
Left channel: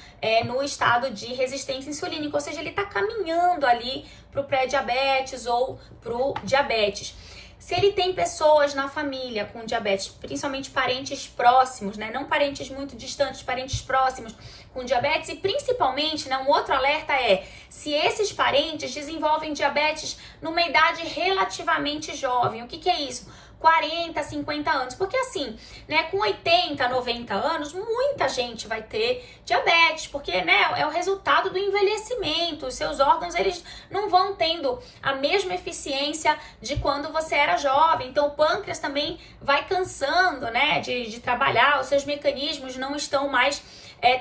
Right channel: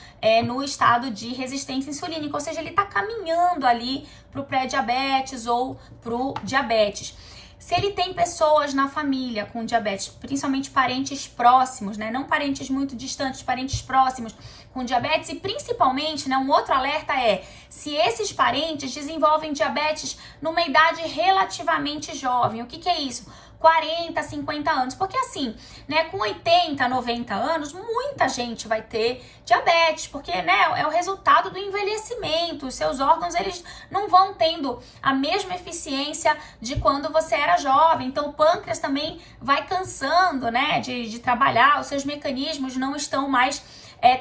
no estado de resistência insulínica, ou seja, ele está caminhando ali para o pré-diabetes ou para o diabetes. Se ele tem pessoas na família com diabetes, principalmente parentes próximos, né? Não parentes muito distantes, parentes próximos com diabetes, e principalmente, né, um outro alerta é se esses parentes desenvolvem diabetes numa idade relativamente jovem. O que é isso? 40, 50 anos, porque assim, né, com 80, 90 anos, muita gente vai ter diabetes, porque, né, é o resultado do envelhecimento, os seus órgãos, eles não vão tendo a mesma eficiência de quando você era jovem, então o pâncreas também vai cansando, né, de trabalhar, os seus mecanismos não estão mais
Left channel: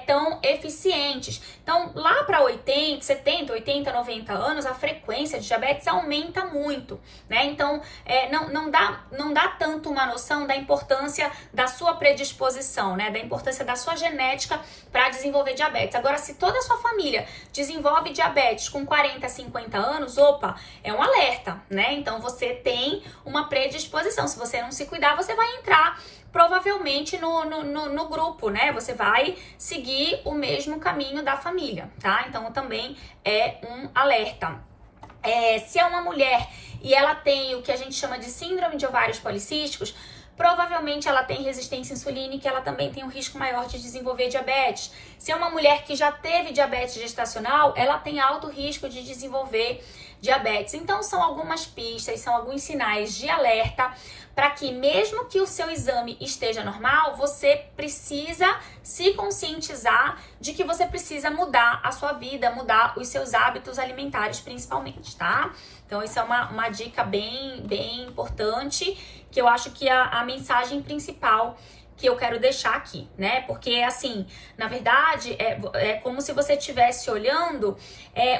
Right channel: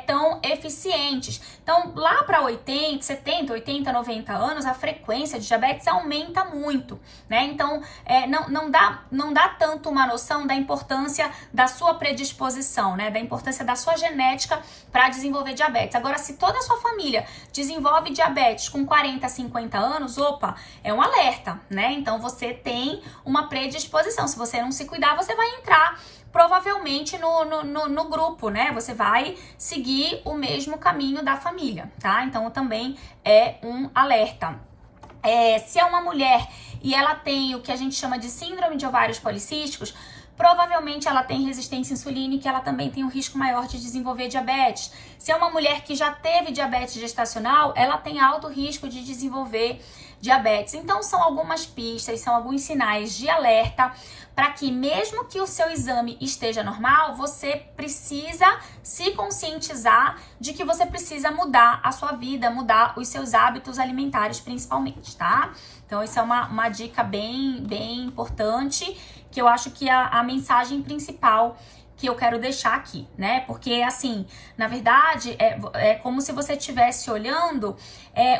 tão eficientes. Então, lá para 80, 70, 80, 90 anos, a frequência de diabetes aumenta muito, né? Então, não dá tanto uma noção da importância da sua predisposição, né? Da importância da sua genética para desenvolver diabetes. Agora, se toda a sua família desenvolve diabetes com 40, 50 anos, opa, é um alerta, né? Então, você tem uma predisposição. Se você não se cuidar, você vai entrar provavelmente no grupo, né? Você vai seguir o mesmo caminho da família, tá? Então, também é um alerta. Se é uma mulher e ela tem o que a gente chama de síndrome de ovários policísticos, provavelmente ela tem resistência insulínica e ela também tem um risco maior de desenvolver diabetes. Se é uma mulher que já teve diabetes gestacional, ela tem alto risco de desenvolver diabetes. Então, são algumas pistas, são alguns sinais de alerta para que, mesmo que o seu exame esteja normal, você precisa se conscientizar de que você precisa mudar a sua vida, mudar os seus hábitos alimentares principalmente, tá? Então, isso é uma dica bem importante, que eu acho que a mensagem principal que eu quero deixar aqui, né? Porque, assim, na verdade, é como se você estivesse olhando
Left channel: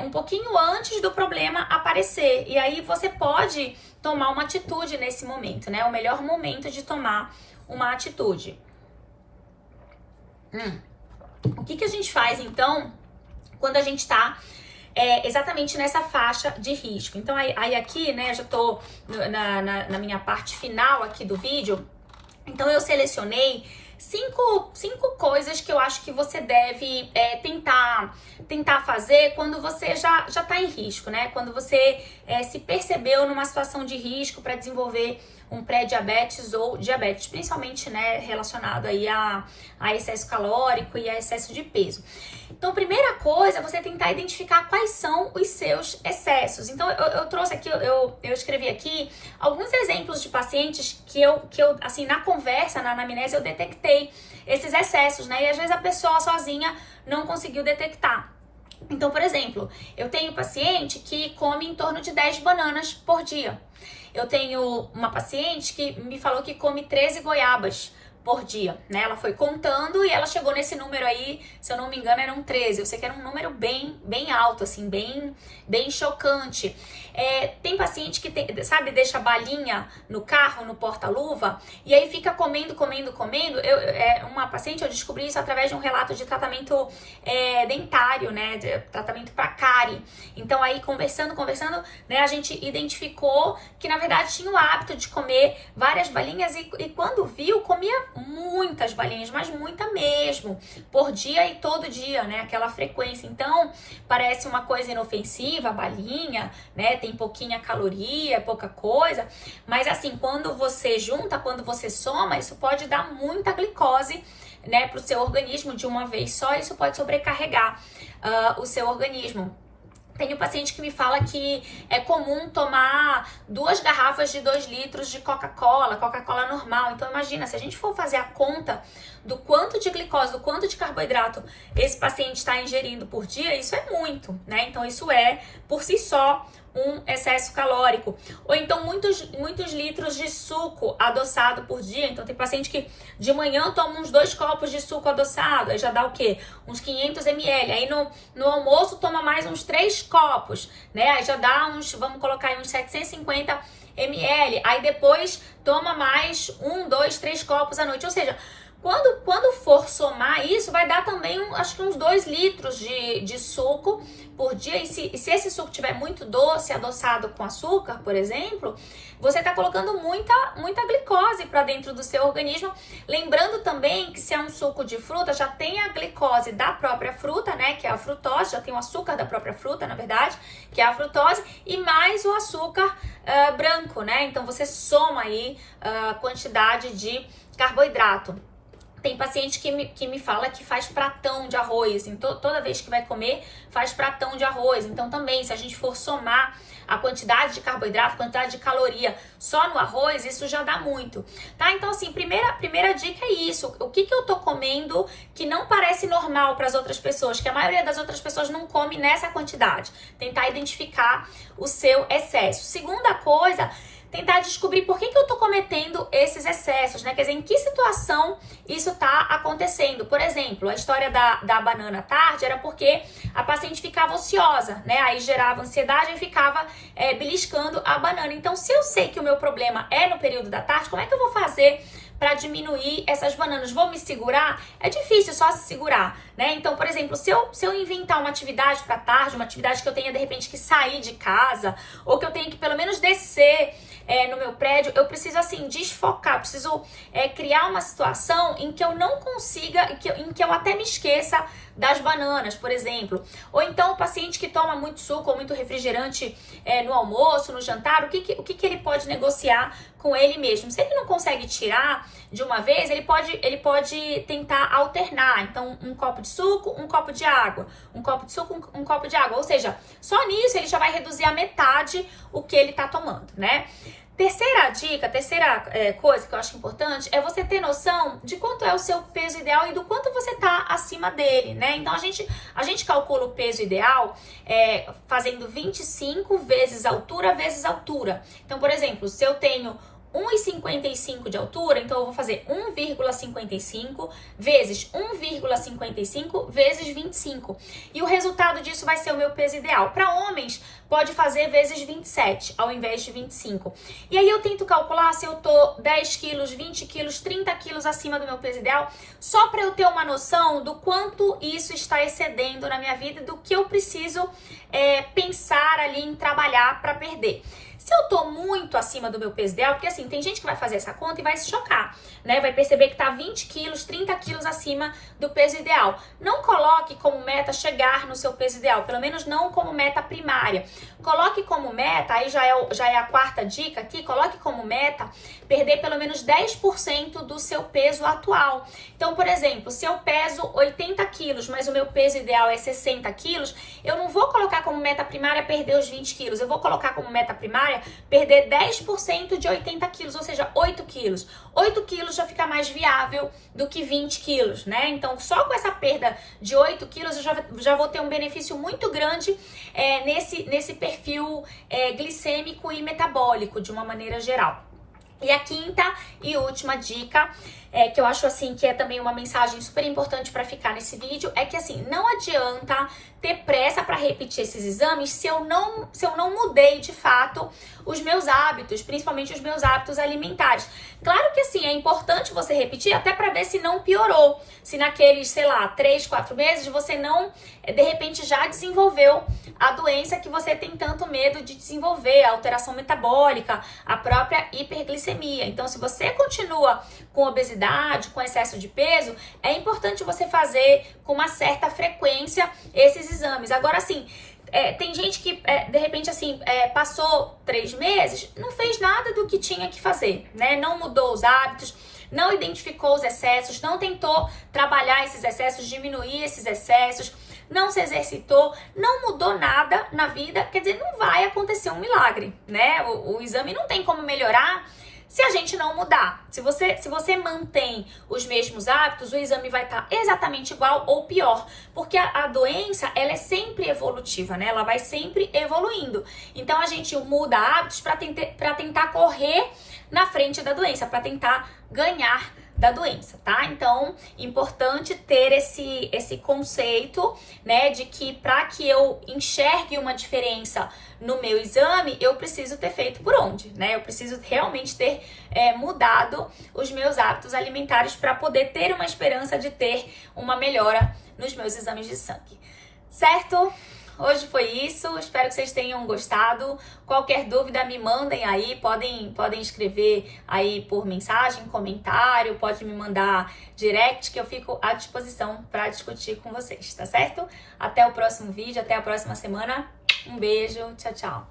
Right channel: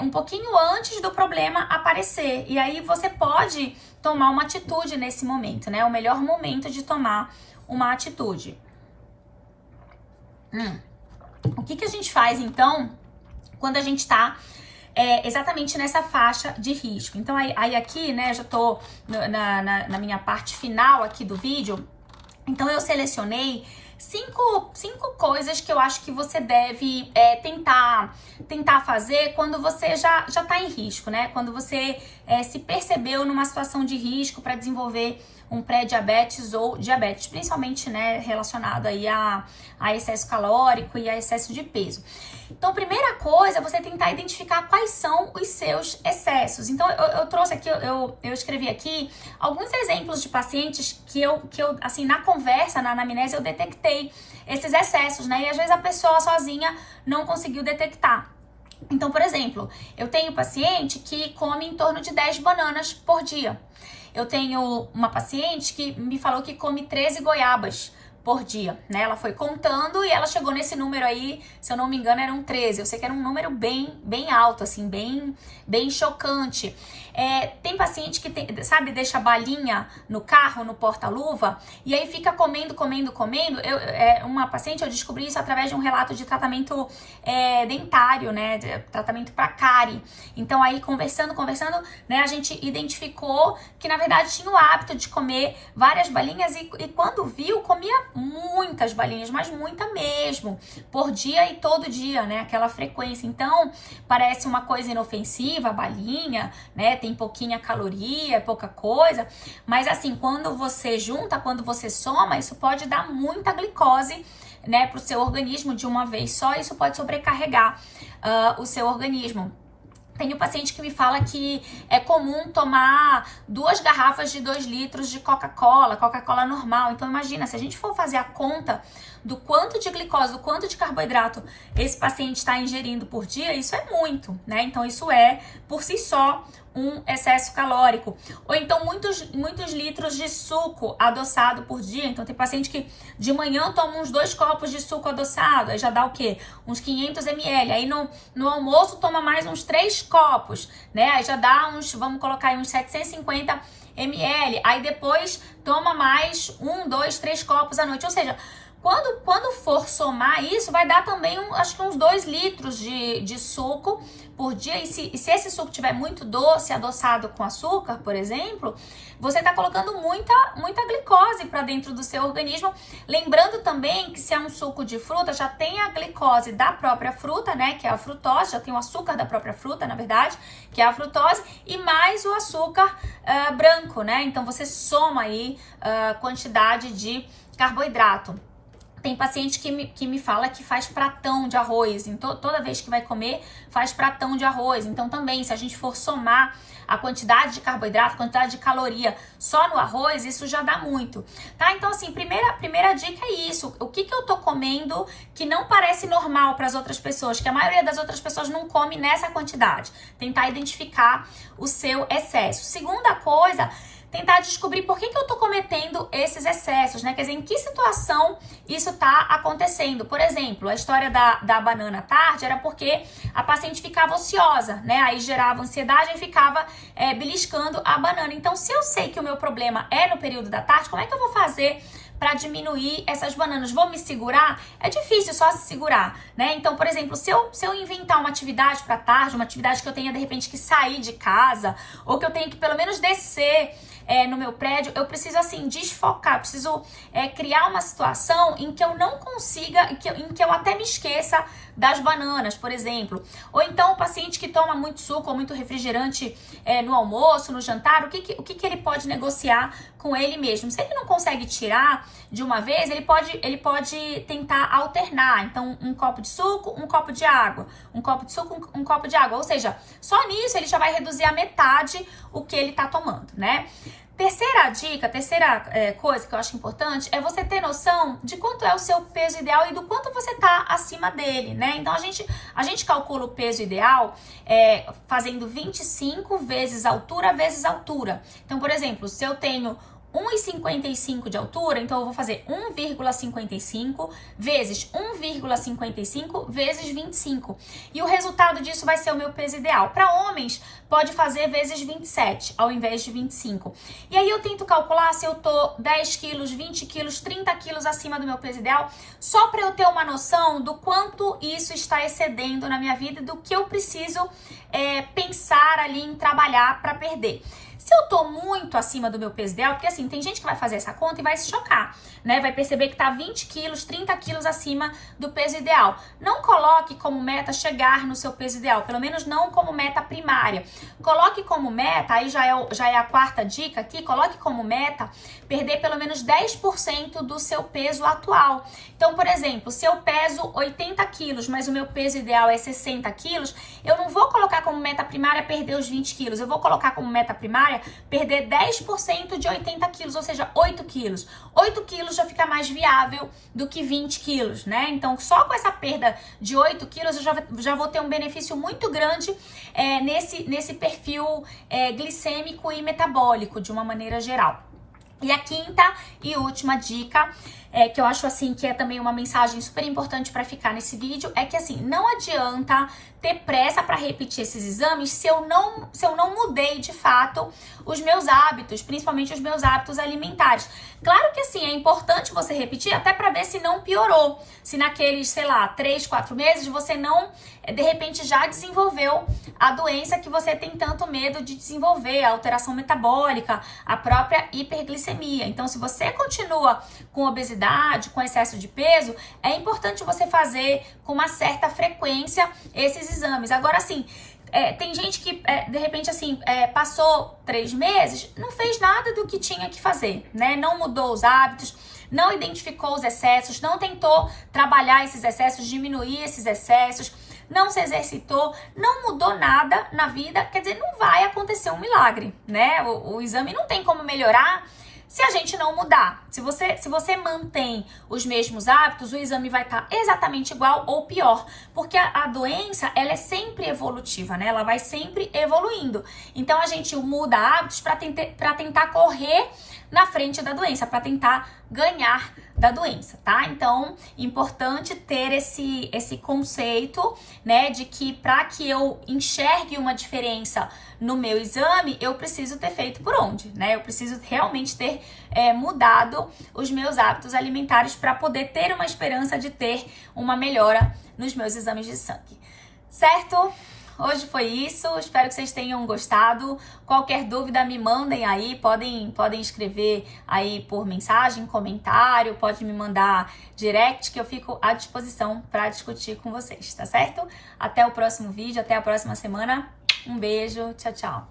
um pouquinho antes do problema aparecer. E aí você pode tomar uma atitude nesse momento, né? O melhor momento de tomar uma atitude. O que a gente faz, então, quando a gente tá exatamente nessa faixa de risco? Então, aí aqui, né, já tô na minha parte final aqui do vídeo. Então, eu selecionei Cinco coisas que eu acho que você deve tentar fazer quando você já tá em risco, né? Quando você se percebeu numa situação de risco para desenvolver um pré-diabetes ou diabetes, principalmente, né, relacionado aí a excesso calórico e a excesso de peso. Então, primeira coisa, você tentar identificar quais são os seus excessos. Então, eu trouxe aqui, eu escrevi aqui alguns exemplos de pacientes que eu assim, na conversa, na anamnese, eu detectei esses excessos, né? E às vezes a pessoa sozinha não conseguiu detectar. Então, por exemplo, eu tenho paciente que come em torno de 10 bananas por dia. Eu tenho uma paciente que me falou que come 13 goiabas por dia, né? Ela foi contando e ela chegou nesse número aí, se eu não me engano, eram 13. Eu sei que era um número bem alto, assim, bem chocante. Tem paciente que, sabe, deixa balinha no carro, no porta-luva, e aí fica comendo. Uma paciente, eu descobri isso através de um relato de tratamento dentário, né? Tratamento para cárie. Então aí, conversando, né? A gente identificou que, na verdade, tinha o hábito de comer várias balinhas e quando viu, comia muitas balinhas, mas muita mesmo, por dia e todo dia, né? Aquela frequência. Então, parece uma coisa inofensiva, a balinha, né? Tem pouquinha caloria, pouca coisa, mas assim, quando você junta, quando você soma, isso pode dar muita glicose, né, pro seu organismo de uma vez só, isso pode sobrecarregar o seu organismo. Tenho paciente que me fala que é comum tomar 2 garrafas de 2 litros de Coca-Cola normal. Então imagina, se a gente for fazer a conta do quanto de glicose, do quanto de carboidrato esse paciente está ingerindo por dia, isso é muito, né? Então isso é, por si só, um excesso calórico. Ou então muitos litros de suco adoçado por dia. Então tem paciente que de manhã toma uns 2 copos de suco adoçado, aí já dá o quê? Uns 500 ml. Aí no almoço toma mais uns 3 copos, né? Aí já dá uns, vamos colocar aí uns 750 ml. Aí depois toma mais 1, 2, 3 copos à noite. Ou seja, quando for somar isso, vai dar também, acho que uns 2 litros de suco por dia. E se esse suco tiver muito doce, adoçado com açúcar, por exemplo, você está colocando muita glicose para dentro do seu organismo. Lembrando também que se é um suco de fruta, já tem a glicose da própria fruta, né, que é a frutose, já tem o açúcar da própria fruta, na verdade, que é a frutose, e mais o açúcar branco, né? Então você soma aí a quantidade de carboidrato. Tem paciente que me fala que faz pratão de arroz, então toda vez que vai comer, faz pratão de arroz. Então também, se a gente for somar a quantidade de carboidrato, a quantidade de caloria só no arroz, isso já dá muito, tá? Então assim, primeira dica é isso. O que eu tô comendo que não parece normal para as outras pessoas, que a maioria das outras pessoas não come nessa quantidade. Tentar identificar o seu excesso. Segunda coisa, tentar descobrir por que eu tô cometendo esses excessos, né? Quer dizer, em que situação isso tá acontecendo. Por exemplo, a história da banana à tarde era porque a paciente ficava ociosa, né? Aí gerava ansiedade e ficava beliscando a banana. Então, se eu sei que o meu problema é no período da tarde, como é que eu vou fazer para diminuir essas bananas? Vou me segurar? É difícil só se segurar, né? Então, por exemplo, se eu inventar uma atividade para tarde, uma atividade que eu tenha de repente que sair de casa, ou que eu tenha que pelo menos descer no meu prédio, eu preciso assim desfocar, preciso criar uma situação em que eu não consiga, em que eu até me esqueça das bananas, por exemplo. Ou então o paciente que toma muito suco ou muito refrigerante no almoço, no jantar, o que ele pode negociar com ele mesmo? Se ele não consegue tirar de uma vez, ele pode tentar alternar. Então, um copo de suco, um copo de água. Um copo de suco, um copo de água. Ou seja, só nisso ele já vai reduzir a metade o que ele tá tomando, né? Terceira dica, coisa que eu acho importante é você ter noção de quanto é o seu peso ideal e do quanto você tá acima dele, né? Então, a gente calcula o peso ideal fazendo 25 vezes altura vezes altura. Então, por exemplo, se eu tenho 1,55 de altura, então eu vou fazer 1,55 vezes 1,55 vezes 25. E o resultado disso vai ser o meu peso ideal. Para homens, pode fazer vezes 27, ao invés de 25. E aí eu tento calcular se eu tô 10 quilos, 20 quilos, 30 quilos acima do meu peso ideal, só para eu ter uma noção do quanto isso está excedendo na minha vida e do que eu preciso pensar ali em trabalhar para perder. Se eu tô muito acima do meu peso ideal, porque assim, tem gente que vai fazer essa conta e vai se chocar, né? Vai perceber que tá 20 quilos, 30 quilos acima do peso ideal. Não coloque como meta chegar no seu peso ideal, pelo menos não como meta primária. Coloque como meta, aí já é a quarta dica aqui, coloque como meta perder pelo menos 10% do seu peso atual. Então, por exemplo, se eu peso 80 quilos, mas o meu peso ideal é 60 quilos, eu não vou colocar como meta primária perder os 20 quilos, eu vou colocar como meta primária perder 10% de 80 quilos, ou seja, 8 quilos. 8 quilos já fica mais viável do que 20 quilos, né? Então, só com essa perda de 8 quilos, eu já vou ter um benefício muito grande nesse perfil glicêmico e metabólico, de uma maneira geral. E a quinta e última dica, que eu acho assim que é também uma mensagem super importante para ficar nesse vídeo, é que assim, não adianta ter pressa para repetir esses exames se eu não mudei de fato os meus hábitos, principalmente os meus hábitos alimentares. Claro que assim, é importante você repetir até para ver se não piorou, se naqueles, sei lá, 3, 4 meses você não, de repente, já desenvolveu a doença que você tem tanto medo de desenvolver, a alteração metabólica, a própria hiperglicemia. Então, se você continua com obesidade, com excesso de peso, é importante você fazer com uma certa frequência esses exames. Agora, assim, tem gente que, de repente, assim, passou 3 meses, não fez nada do que tinha que fazer, né? Não mudou os hábitos, não identificou os excessos, não tentou trabalhar esses excessos, diminuir esses excessos, não se exercitou, não mudou nada na vida, quer dizer, não vai acontecer um milagre, né? O exame não tem como melhorar se a gente não mudar. Se você mantém os mesmos hábitos, o exame vai estar exatamente igual ou pior, porque a doença, ela é sempre evolutiva, né? Ela vai sempre evoluindo. Então, a gente muda hábitos para tentar correr na frente da doença, para tentar ganhar da doença, tá? Então, importante ter esse conceito, né, de que para que eu enxergue uma diferença no meu exame, eu preciso ter feito por onde, né? Eu preciso realmente ter mudado os meus hábitos alimentares para poder ter uma esperança de ter uma melhora nos meus exames de sangue, certo? Hoje foi isso, espero que vocês tenham gostado. Qualquer dúvida me mandem aí, podem escrever aí por mensagem, comentário, pode me mandar direct que eu fico à disposição para discutir com vocês, tá certo? Até o próximo vídeo, até a próxima semana. Um beijo, tchau, tchau.